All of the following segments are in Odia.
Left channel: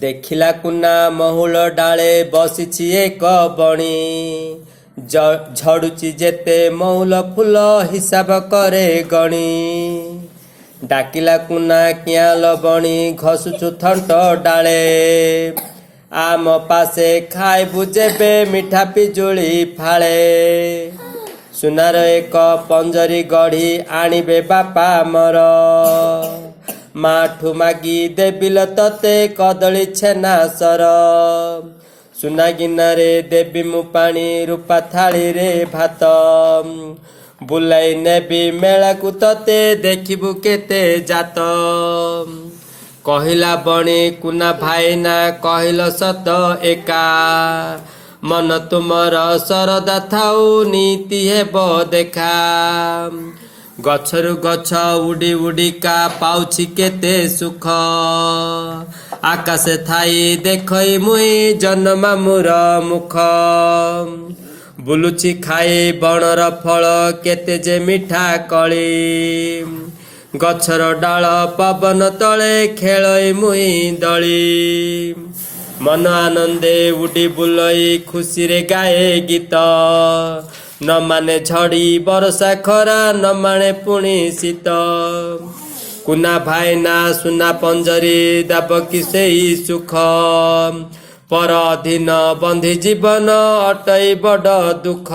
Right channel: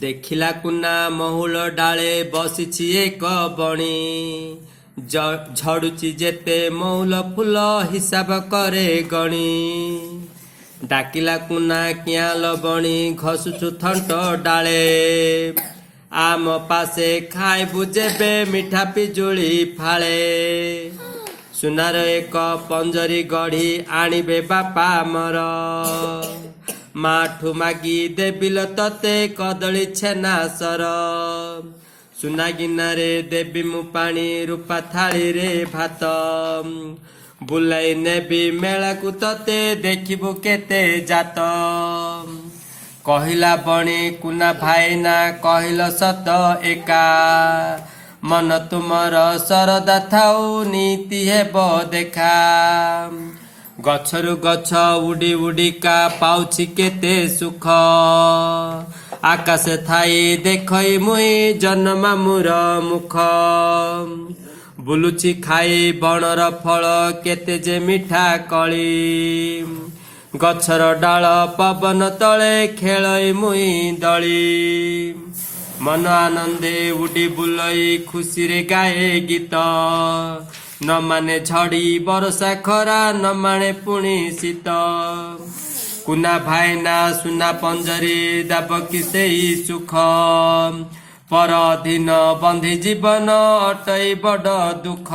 ଦେଖିଲା କୁନା ମହୁଲ ଡାଳେ ବସିଛି ଏକ ବଣି, ଝଡୁଛି ଯେତେ ମହୁଲ ଫୁଲ ହିସାବ କରେ ଗଣି। ଡାକିଲା କୁନା କିଆଁଲ ବଣି ଘଷୁଛୁ ଥଣ୍ଟ ଡାଳେ, ଆମ ପାଶେ ଖାଇବୁ ଯେବେ ମିଠା ପିଜୁଳି ଫାଳେ। ସୁନାର ଏକ ପଞ୍ଜରୀ ଗଢ଼ି ଆଣିବେ ବାପା ମୋର, ମାଠୁ ମାଗି ଦେବିଲ ତତେ କଦଳୀ ଛେନା ସର। ସୁନା ଗିନାରେ ଦେବି ମୁଁ ପାଣି, ରୂପା ଥାଳିରେ ଭାତ, ବୁଲାଇ ନେବି ମେଳାକୁ ତତେ ଦେଖିବୁ କେତେ ଜାତ। କହିଲା ବଣି କୁନା ଭାଇନା କହିଲ ସତ ଏକା, ମନ ତୁମର ଶରଦା ଥାଉ ନୀତି ହେବ ଦେଖା। ଗଛରୁ ଗଛ ଉଡ଼ି ଉଡ଼ିକା ପାଉଛି କେତେ ସୁଖ, ଆକାଶେ ଥାଇ ଦେଖଇ ମୁଇଁ ଜହ୍ନ ମାମୁଁର ମୁଖ। ବୁଲୁଛି ଖାଇ ବଣର ଫଳ କେତେ ଯେ ମିଠା କଳି, ଗଛର ଡାଳ ପବନ ତଳେ ଖେଳଇ ମୁଇଁ ଦଳି। ମନ ଆନନ୍ଦେ ଉଡ଼ି ବୁଲଇ ଖୁସିରେ ଗାଏ ଗୀତ, ନ ମାନେ ଝଡ଼ି ବରଷା ଖରା ନ ମାନେ ପୁଣି ଶୀତ। କୁନା ଭାଇନା ସୁନା ପଞ୍ଜରୀ ଦାବ କି ସେଇ ସୁଖ, ପର ଅଧୀନ ବନ୍ଧି ଜୀବନ ଅଟଇ ବଡ଼ ଦୁଃଖ।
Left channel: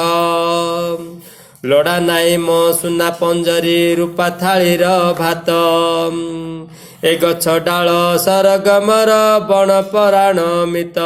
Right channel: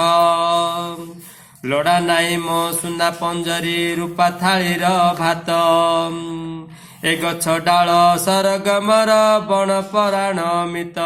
ଲୋଡ଼ା ନାଇଁ ମୋ ସୁନା ପଞ୍ଜରୀ ରୂପା ଥାଳିର ଭାତ, ଏ ଗଛ ଡାଳ ସରଗମର ବଣ ପରାଣ ମିତ।